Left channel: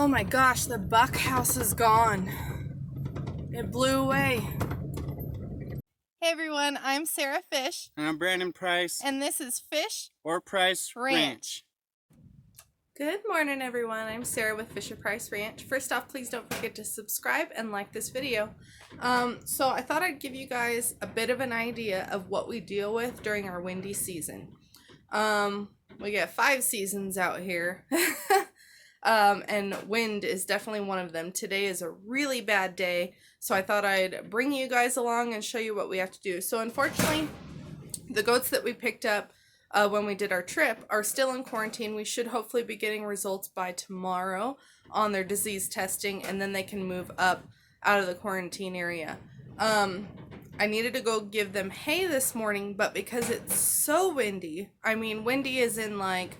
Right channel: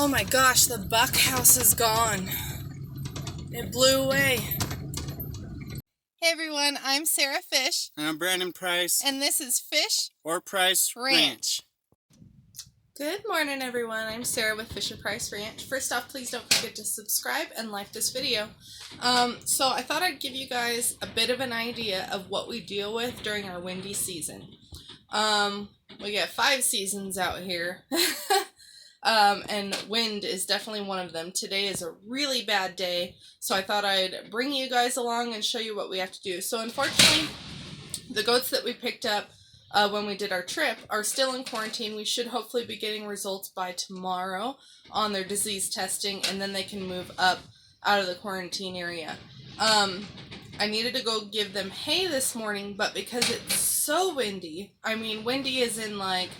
Oh my gosh, the buck house is gone. It blew away. Hey everyone, I'm Sarah Fish. And I'm Brandon Price. And this is Fish or Price Ranch. Good morning everyone, I'm Sarah with Fisher Price Ranch. First off, please don't forget to subscribe and like this video. So I thought I'd give you guys a bit of an idea of what we deal with during our windy season. We get 5 seasons out here. And wind is definitely one of them. Today is a really bad day, so I thought I'd bring you guys along and show you what we have to do. So unfortunately, the goats that we picked up when we did our trip are still in quarantine. We should hopefully be getting results by tomorrow on their disease testing, and then they can move up out of the quarantine area. I needed to go give them hay this morning, but because it's so windy, I mean windy is in like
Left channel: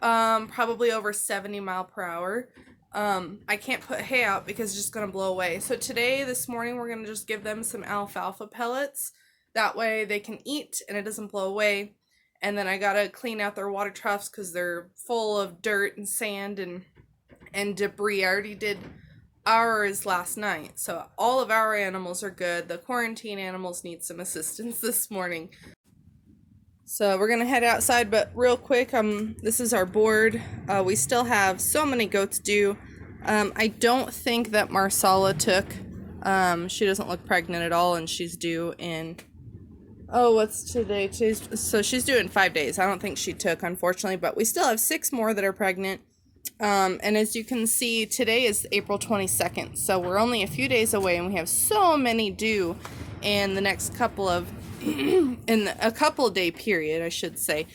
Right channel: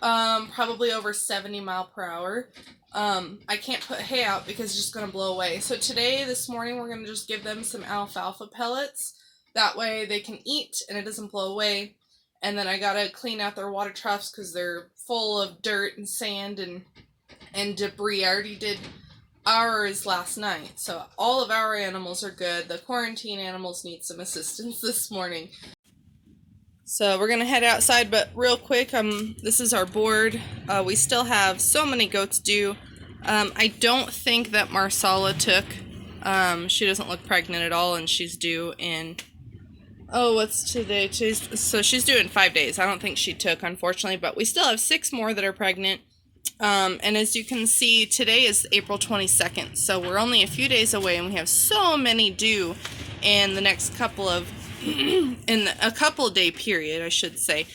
probably over 70 miles per hour. I can't put hay out because it's just going to blow away. So this morning, we're going to just give them some alfalfa pellets. That way they can eat and it doesn't blow away. And then I got to clean out their water troughs because they're full of dirt and sand and debris. I already did ours last night. So all of our animals are good. The quarantine animals need some assistance this morning. So we're gonna head outside, but real quick, this is our board. We still have so many goats due. I don't think that Marsala took. She doesn't look pregnant at all, and she's due in, what's today? So she's due in 5 days. I don't think she took, unfortunately, but we still have 6 more that are pregnant. And as you can see, today is April 22nd, so we're only a few days away, and we have so many due in the next couple of in a couple day period, I should say.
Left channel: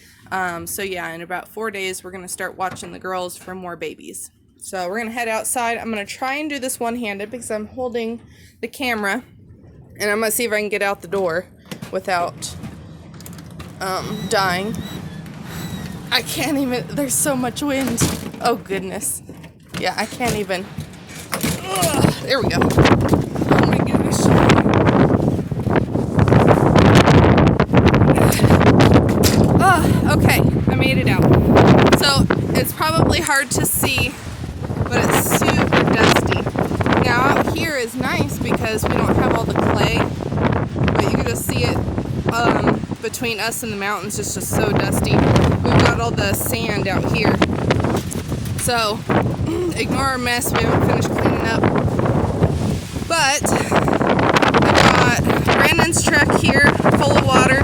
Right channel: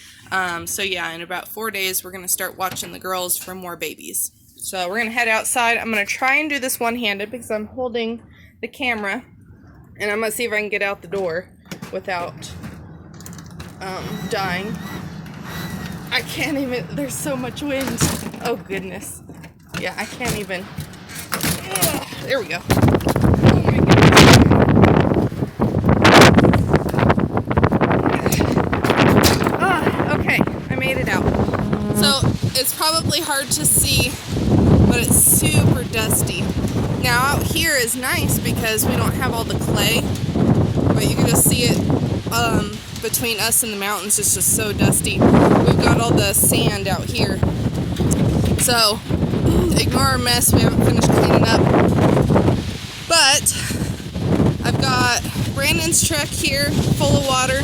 So yeah, in about 4 days, we're going to start watching the girls for more babies. So we're going to head outside. I'm going to try and do this one-handed because I'm holding the camera, and I'm going to see if I can get out the door without dying. I can't even, there's so much wind. Oh goodness. Yeah, I can't even. There we go. Oh my goodness. Okay, I made it out. So it's probably hard to see, but it's super dusty. Now out here is nice because we don't have all the clay, but you can just see it between us and the mountains. It's just so dusty. We've got all the sand out here. So ignore our mess, we haven't finished cleaning up. But I've got Brandon's truck here full of water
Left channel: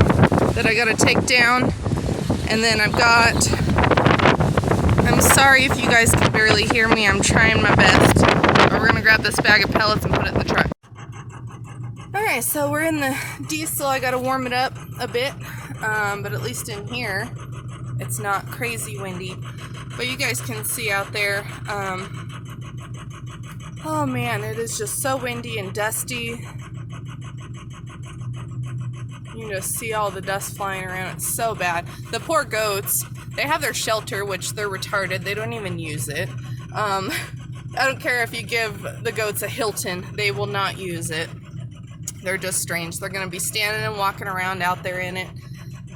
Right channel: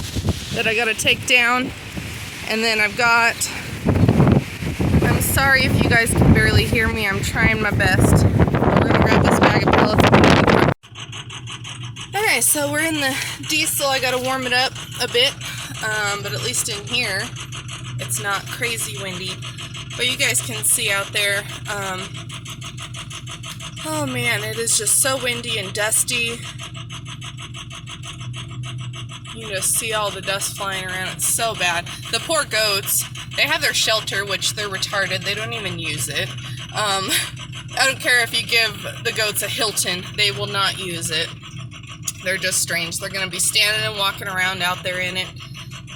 that I gotta take down. And then I'm sorry if you guys can barely hear me, I'm trying my best. But we're gonna grab this bag of pellets and put it in the truck. Okay, so we're in the diesel. I gotta warm it up a bit, but at least in here, it's not crazy windy. But you guys can see out there, oh man, it is just so windy and dusty. You can just see all the dust flying around. It's so bad. The poor goats, they have their shelter, which they're retarded. They don't even use it. I don't care if you give the goats a Hilton. They will not use it. They're just strange. They're going to be standing and walking around out there in it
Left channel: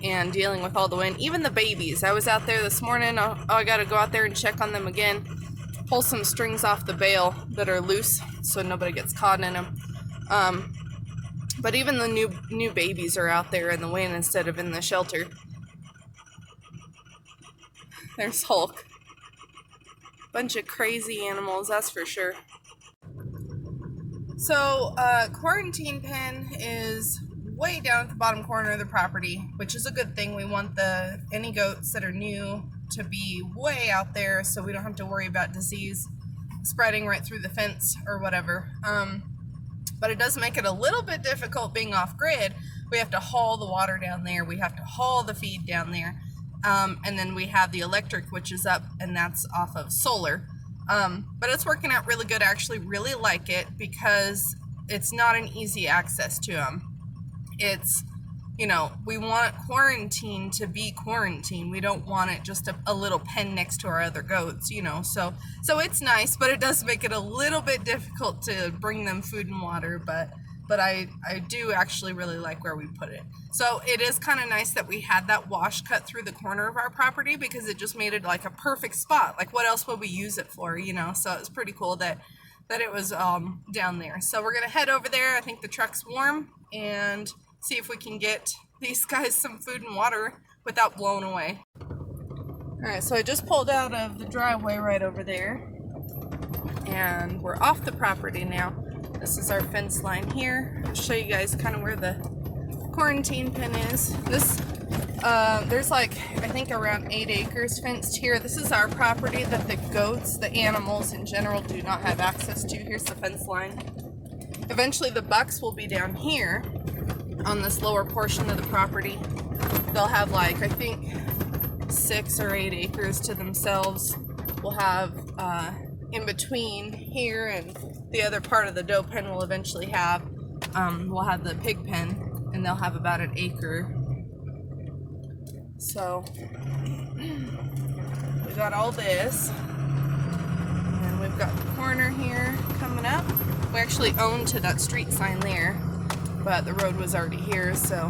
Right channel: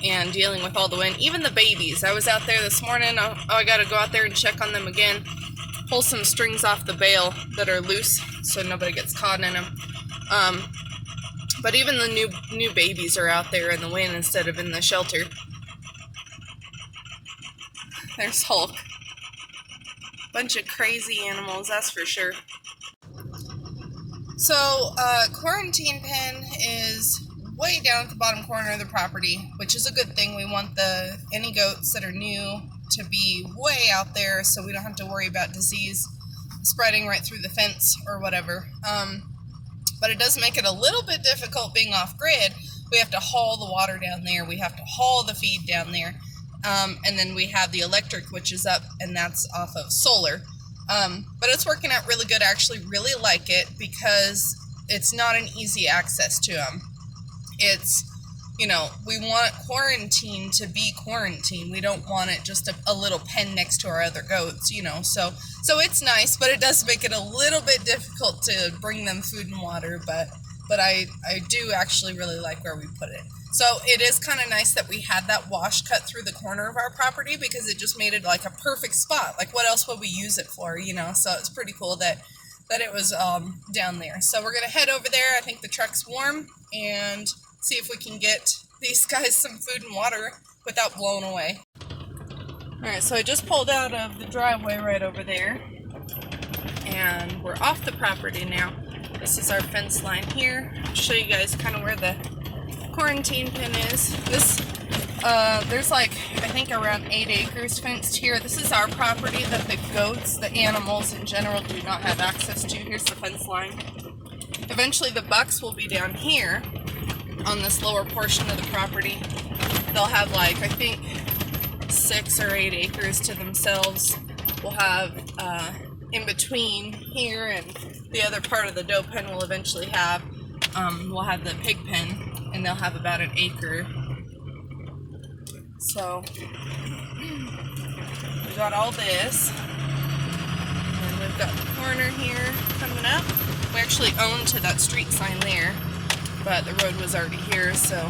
and dealing with all the wind. Even the babies. I was out there this morning. I got to go out there and check on them again. Pull some strings off the bale that are loose so nobody gets caught in them. But even the new babies are out there in the wind instead of in the shelter. There's Hulk. Bunch of crazy animals, that's for sure. So, quarantine pen is way down at the bottom corner of the property, which is a good thing. We want any goats that are new to be way out there so we don't have to worry about disease spreading right through the fence or whatever. But it does make it a little bit difficult being off-grid. We have to haul the water down there. We have to haul the feed down there. And then we have the electric, which is up, and that's off of solar. But it's working out really good. I actually really like it because it's not an easy access to them. It's, we want quarantine to be quarantine. We don't want it just a little pen next to our other goats, So it's nice, but it does make it a little bit difficult to bring them food and water. But I do actually really like where we put it. So it is kind of nice that we had that wash cut through the corner of our property, because it just made it like a perfect spot. Like, what else would we use it for, you know? So it's pretty cool that it was down there. So we're gonna head over there. I think the truck's warm, and see if we can get these guys some food and water without blowing away. All right, so I just pulled out of the driveway right over there, and we're off the property now. This is our fence line here. I'll show you guys kind of where the quarantine pin is. This, there's like, I think around 8 acres fenced here. This is our property that the goats, the animals in general, do not have access to. Here's the fence line. Eventually the bucks will be down here on this lower portion of the property. They'll have like, I think 6 or 8 acres to themselves. We'll have in between here and the other part of the doe pen we'll eventually have, we'll have the pig pen, and they'll have about an acre. So we got all this, and we've got the corner here coming up. We actually own to that street sign there, but the road was already here, so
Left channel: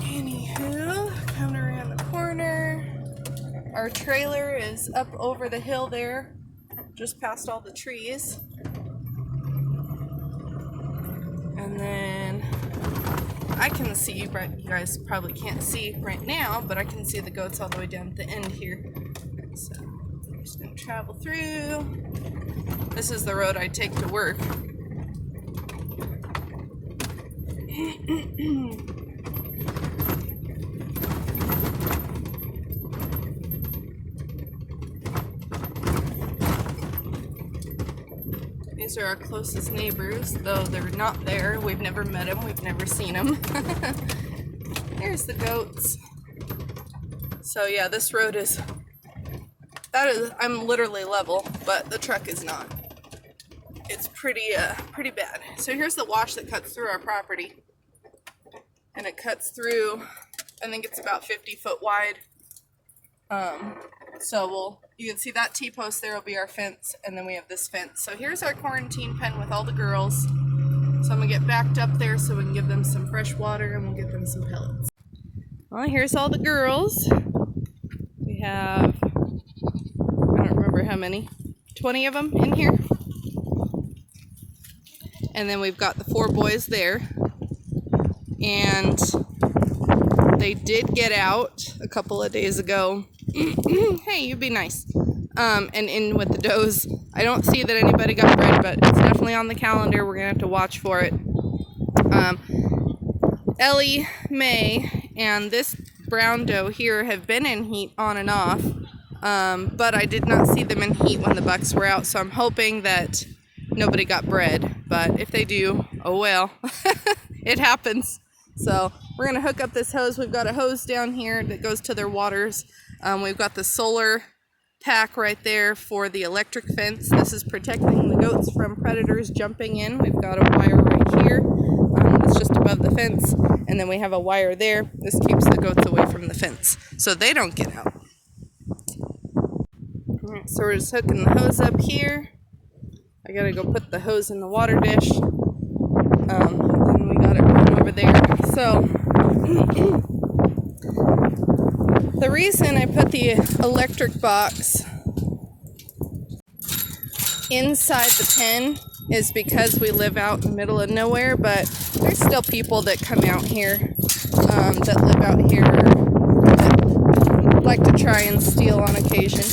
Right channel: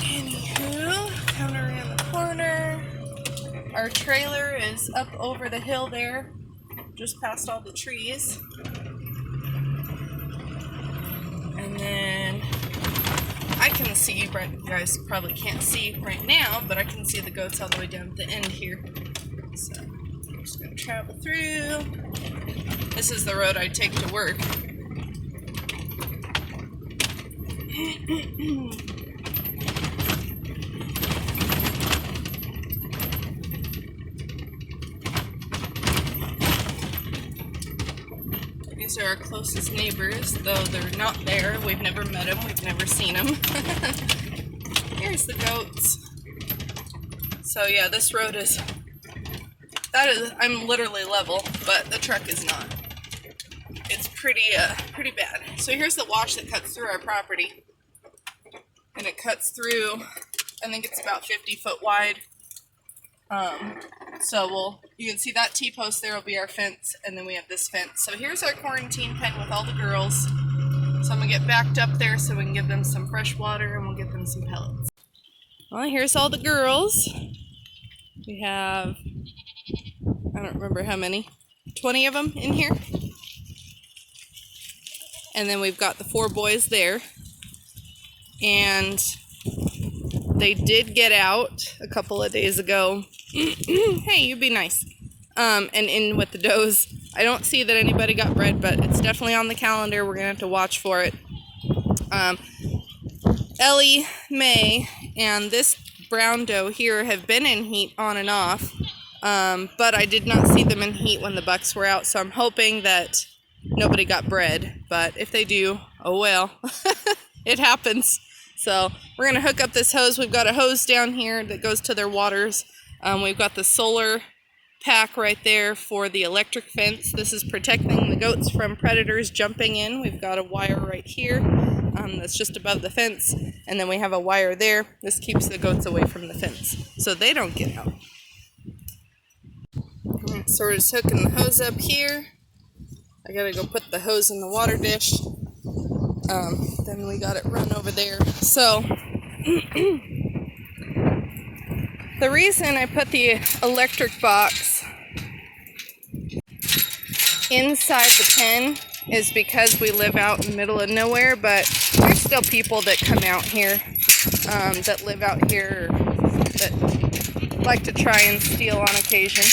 anywho, coming around the corner. Our trailer is up over the hill there, just past all the trees. And then I can see, right, you guys probably can't see right now, but I can see the goats all the way down at the end here. So I'm just gonna travel through. This is the road I take to work. These are our closest neighbors, though they're not there. We've never met them. We've never seen them. Here's the goats. So yeah, this road is, I'm literally level, but the truck is not. It's pretty bad. So here's the wash that cuts through our property. And it cuts through, I think it's about 50 foot wide. So you can see that T-post there will be our fence, and then we have this fence. So here's our quarantine pen with all the girls. So I'm gonna get backed up there so we can give them some fresh water, and we'll give them some pellets. Well, here's all the girls. We have, I don't remember how many, 20 of them in here. And then we've got the 4 boys there. And they did get out a couple of days ago. Hey, you be nice. And in with the does. I don't see that anybody got bred, but it's definitely on the calendar. We're gonna have to watch for it. Ellie, May, and this brown doe here have been in heat on and off, but I did not see them in heat when the bucks were out, so I'm hoping that nobody got bred. But if they do, oh well. It happens. So we're gonna hook up this hose. We've got a hose down here that goes to their waters. We've got the solar pack right there for the electric fence. This is protecting the goats from predators jumping in. We've got a wire right here that's just above the fence, and then we have a wire there. This keeps the goats away from the fence so they don't get out. All right, so we're just hooking the hose up here. I gotta go put the hose in the water dish. Then we got it run over there. So the reason I put the electric box inside the pen is because we live out in the middle of nowhere, but there's still people that come out here, that live out here, that like to try and steal on occasion.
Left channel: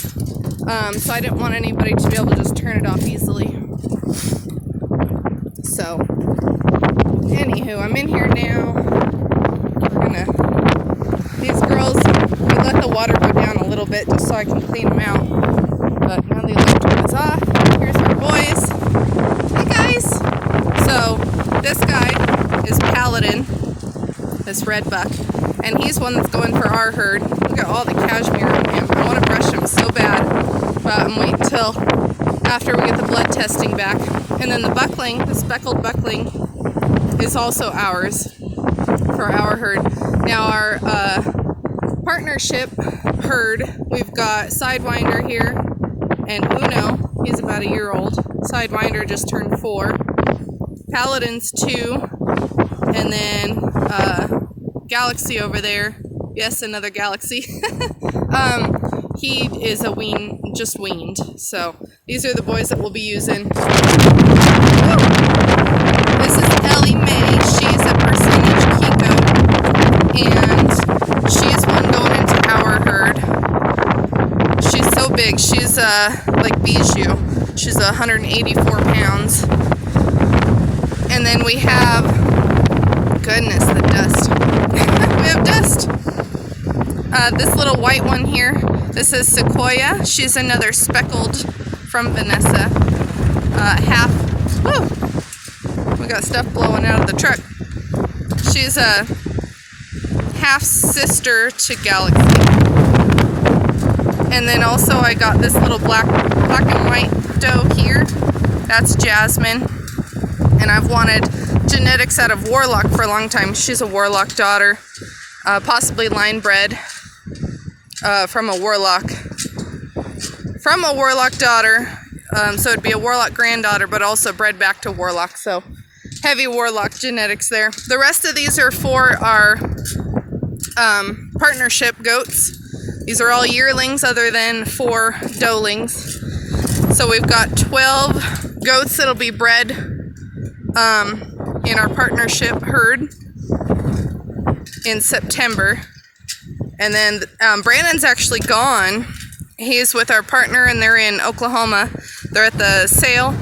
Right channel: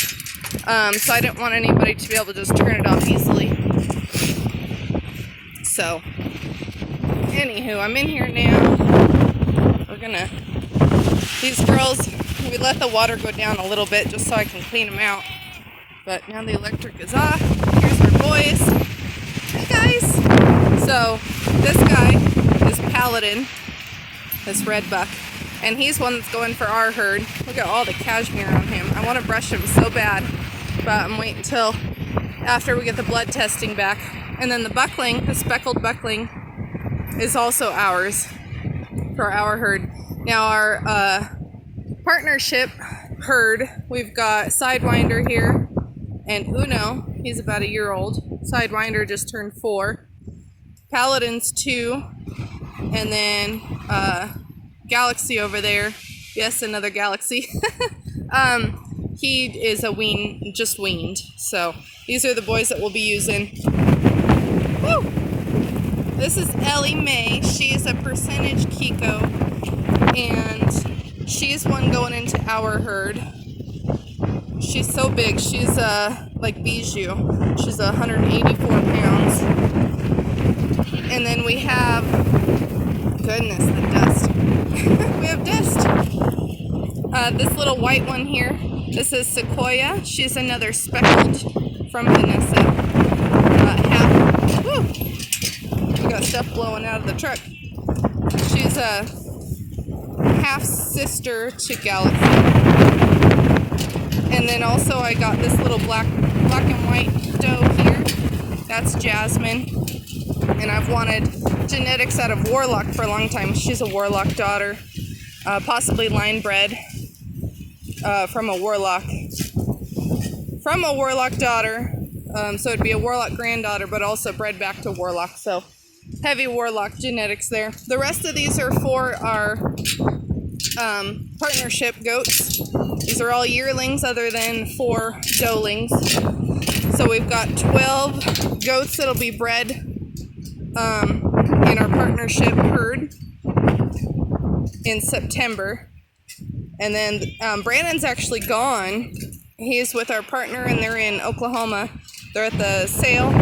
So I didn't want anybody to be able to just turn it off easily. So, anywho, I'm in here now. These girls, we let the water go down a little bit just so I can clean them out. But now the electric is off. Here's my boys. Hi guys! So this guy is Paladin, this red buck, and he's one that's going for our herd. Look at all the cashmere on him. I want to brush him so bad, but I'm waiting till after we get the blood testing back. And then the buckling, the speckled buckling, is also ours for our herd. Now our partnership herd, we've got Sidewinder here and Uno. He's about a year old. Sidewinder just turned 4. Paladin's 2. And then Galaxy over there. Yes, another Galaxy. He is a just weaned. So these are the boys that we'll be using. Woo! This is Ellie Mae. She's a percentage Kiko, and she is one going into our herd. She's so big. She's like Bijou. She's 184 pounds. And then we have, goodness, the dust. We have dust. This little white one here, this is Sequoia. She's another speckled from Vanessa. Woo! We got stuff blowing out of the truck. She's a half sister to Galaxy. And then also I got this little black and white doe here. That's Jasmine. And I've wanted genetics out of Warlock for a long time. She's a Warlock daughter, possibly line bred from a Warlock daughter. So it'd be a Warlock granddaughter, but also bred back to Warlock. So heavy Warlock genetics there. The rest of these are for our partnership goats. These are all yearlings other than 4 doelings. So we've got 12 goats that'll be bred in our partnership herd in September. And then Brandon's actually gone. He's with our partner and they're in Oklahoma. They're at the sale.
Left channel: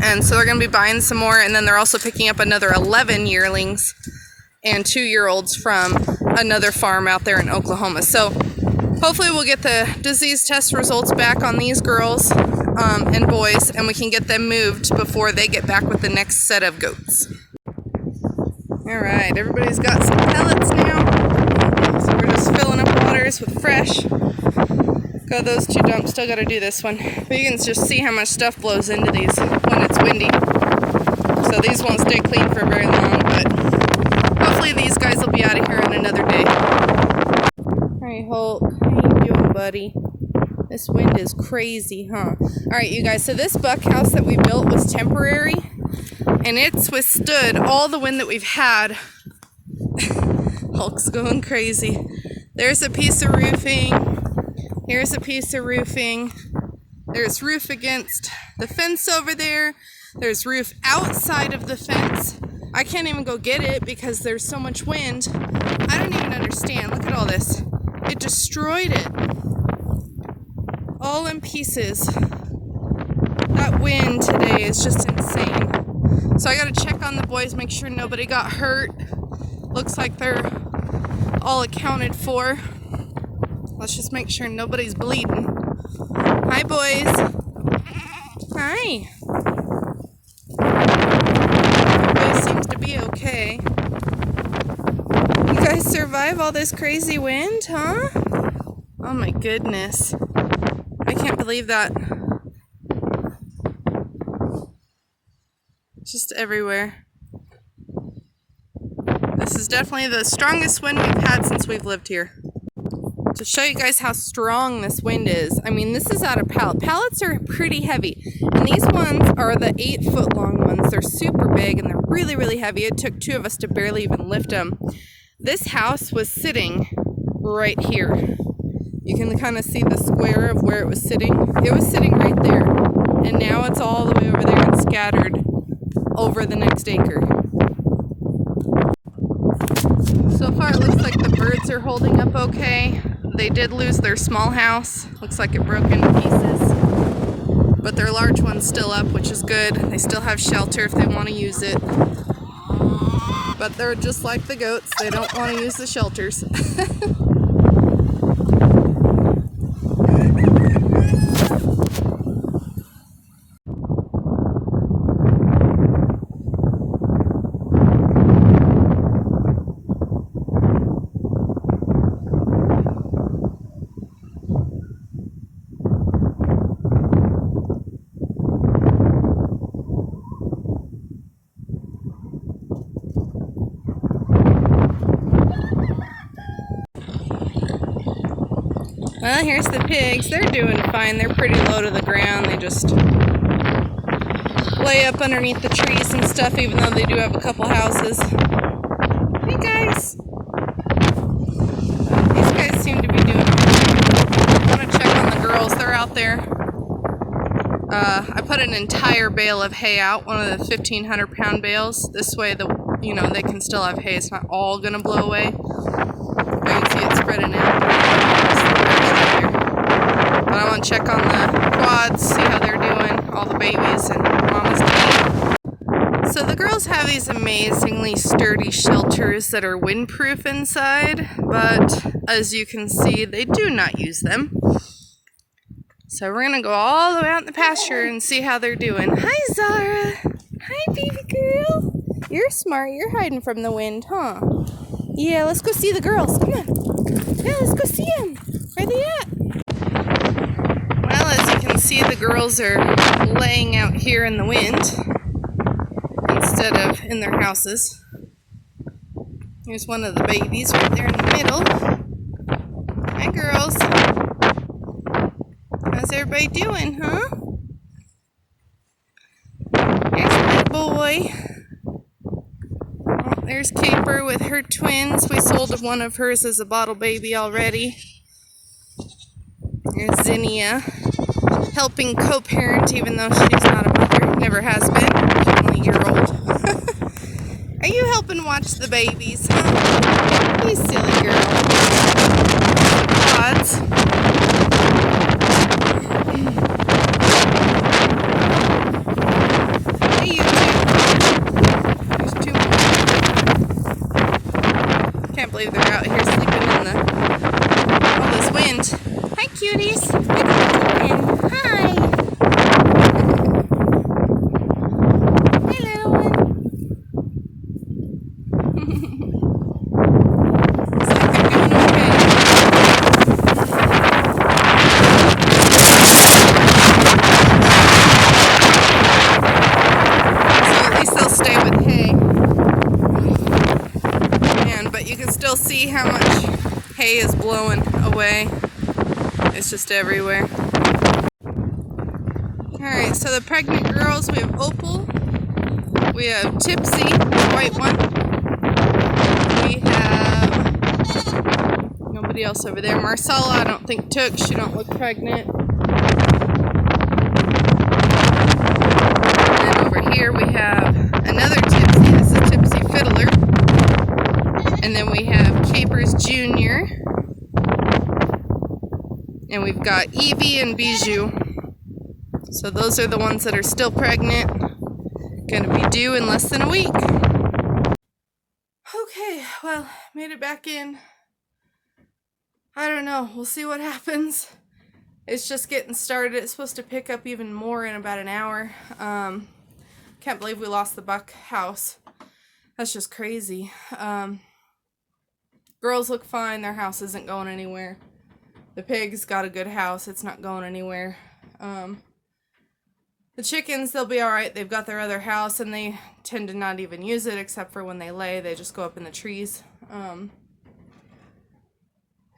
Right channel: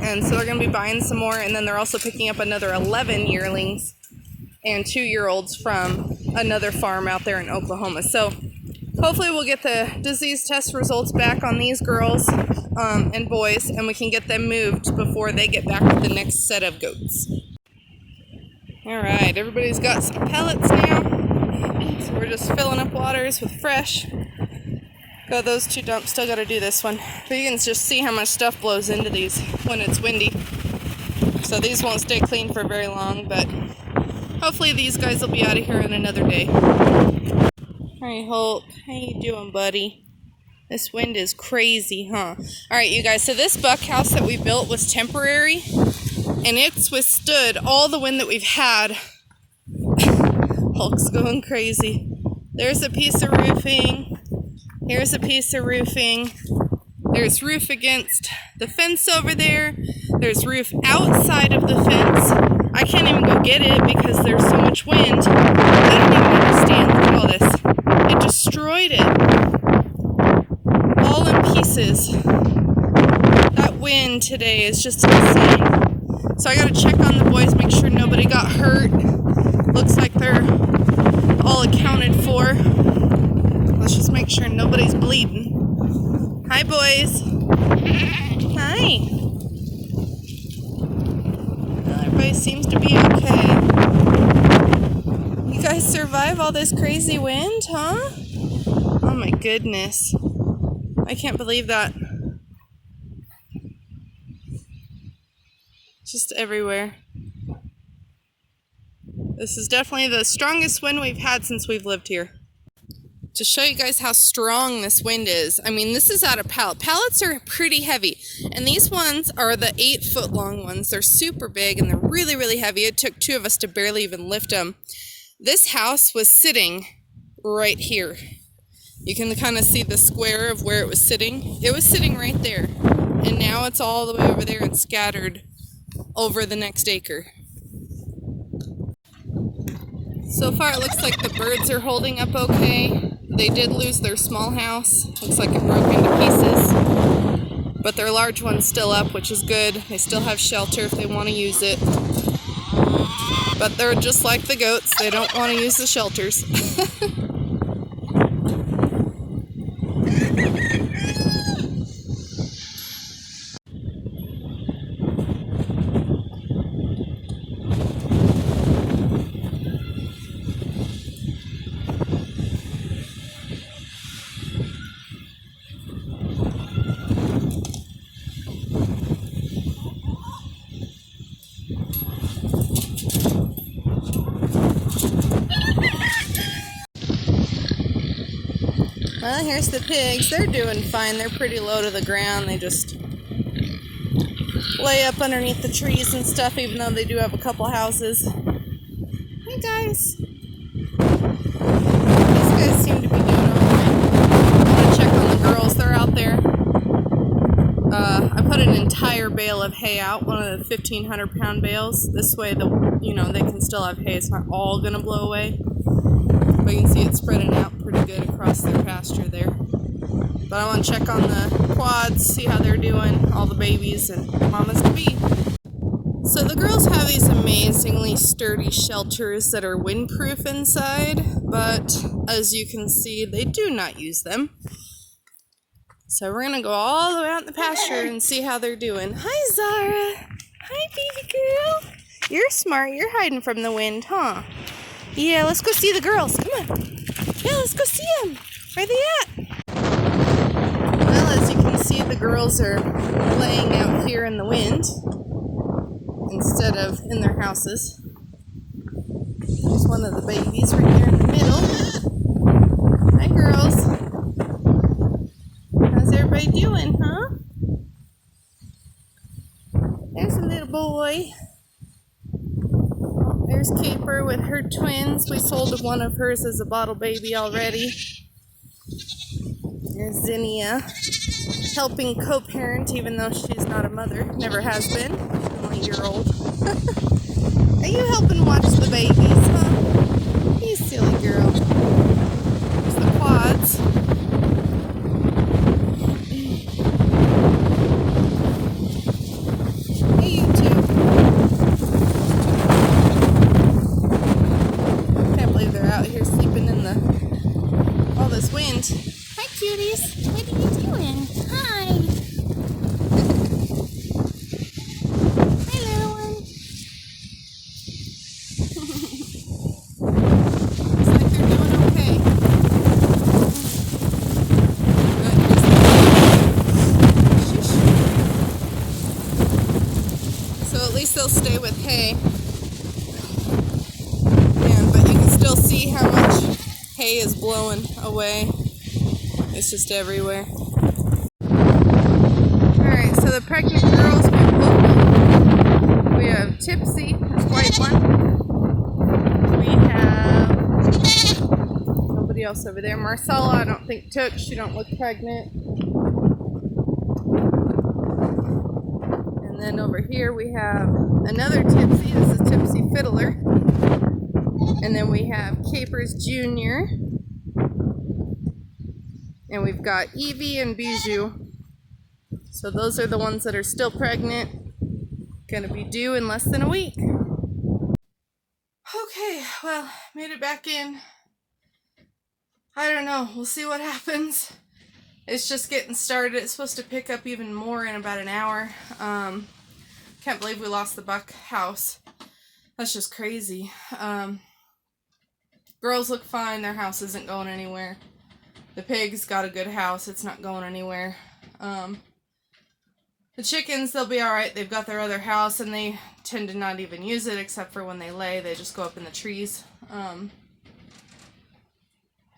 And so they're going to be buying some more. And then they're also picking up another 11 yearlings and 2-year-olds from another farm out there in Oklahoma. So hopefully we'll get the disease test results back on these girls and boys, and we can get them moved before they get back with the next set of goats. All right, everybody's got some pellets now. So we're just filling up waters with fresh. Got those 2 dumps, still got to do this one. But you can just see how much stuff blows into these when it's windy. So these won't stay clean for very long, but hopefully these guys will be out of here in another day. Alright, Hulk, how you doing, buddy? This wind is crazy, huh? Alright, you guys, so this bunkhouse that we built was temporary, and it's withstood all the wind that we've had. Hulk's going crazy. There's a piece of roofing. Here's a piece of roofing. There's roof against the fence over there. There's roof outside of the fence. I can't even go get it because there's so much wind. I don't even understand. Look at all this. It destroyed it. All in pieces. That wind today is just insane. So I gotta check on the boys, make sure nobody got hurt. Looks like they're all accounted for. Let's just make sure nobody's bleeding. Hi, boys. Hi. Everybody seems to be okay. You guys survive all this crazy wind, huh? Oh my goodness. I can't believe that. Just everywhere. This is definitely the strongest wind we've had since we've lived here. To show you guys how strong this wind is, I mean, this is out of pallet. Pallets are pretty heavy, and these ones are the 8-foot long ones. They're super big and they're really, really heavy. It took 2 of us to barely even lift them. This house was sitting right here. You can kind of see the square of where it was sitting. It was sitting right there, and now it's all the way over there and scattered over the next acre. So far it looks like the birds are holding up okay. They did lose their small house. Looks like it broke into pieces. But their large one's still up, which is good. They still have shelter if they want to use it. But they're just like the goats. They don't want to use the shelters. Well, here's the pigs. They're doing fine. They're pretty low to the ground. They just lay up underneath the trees and stuff, even though they do have a couple houses. there. I put an entire bale of hay out, one of the 1,500-pound bales. This way, they can still have hay. It's not all gonna blow away. But you can see it spreading out pretty good across the pasture there. But I want to check on the quads, see how they're doing, all the babies and Mama's kitty. So the girls have these amazingly sturdy shelters that are windproof inside, but as you can see, they do not use them. So we're gonna go all the way out in the pasture and see how they're doing. Hi, Zara. Hi, baby girl. You're smart. You're hiding from the wind, huh? Yeah, let's go see the girls. Come on. Yeah, let's go see them. Where are they at? Well, as you can see, the girls are laying out here in the wind instead of in their houses. Here's one of the babies right there in the middle. Hi, girls. How's everybody doing, huh? There's a little boy. Oh, there's Caper with her twins. We sold one of hers as a bottle baby already. There's Zinnia, helping co-parent even though she's not a mother. Never has been. She's only a year old. Are you helping watch the babies, huh? You silly girl. The quads. Hey, you two. Can't believe they're out here sleeping in all this wind. Hi, cuties. Hi. Hey, little one. Looks like they're doing okay. So at least they'll stay with hay. But you can still see how much hay is blowing away. It's just everywhere. Alright, so the pregnant girls, we have Opal, we have Tipsy, the white one, we have nobody else over there. Marcella, I don't think took, she don't look pregnant. And then over here we have another Tipsy, this is Tipsy Fiddler. And then we have Capers Jr. And we've got Evie and Bijou. So those are the ones that are still pregnant. Gonna be due in less than a week. Okay, well, made it back in. I don't know, we'll see what happens. It's just getting started. It's supposed to pick up even more in about an hour. Can't believe we lost the buck house. That's just crazy. Girls look fine, their house isn't going anywhere. The pig's got a good house, it's not going anywhere. The chickens, they'll be alright, they've got their other house and they tend to not even use it except for when they lay, they just go up in the trees. And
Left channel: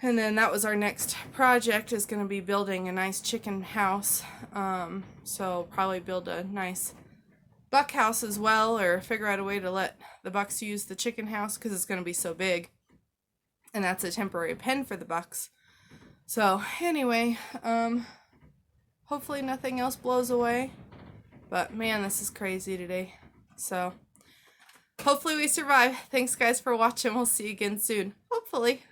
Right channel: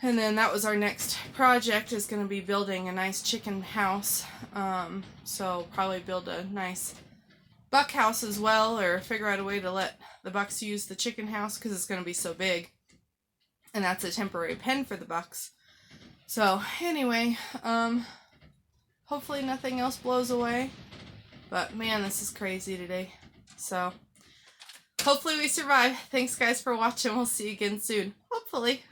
then that was our next project, is going to be building a nice chicken house. So probably build a nice buck house as well, or figure out a way to let the bucks use the chicken house because it's going to be so big. And that's a temporary pen for the bucks. So anyway, hopefully nothing else blows away. But man, this is crazy today. So hopefully we survive. Thanks guys for watching. We'll see you again soon. Hopefully.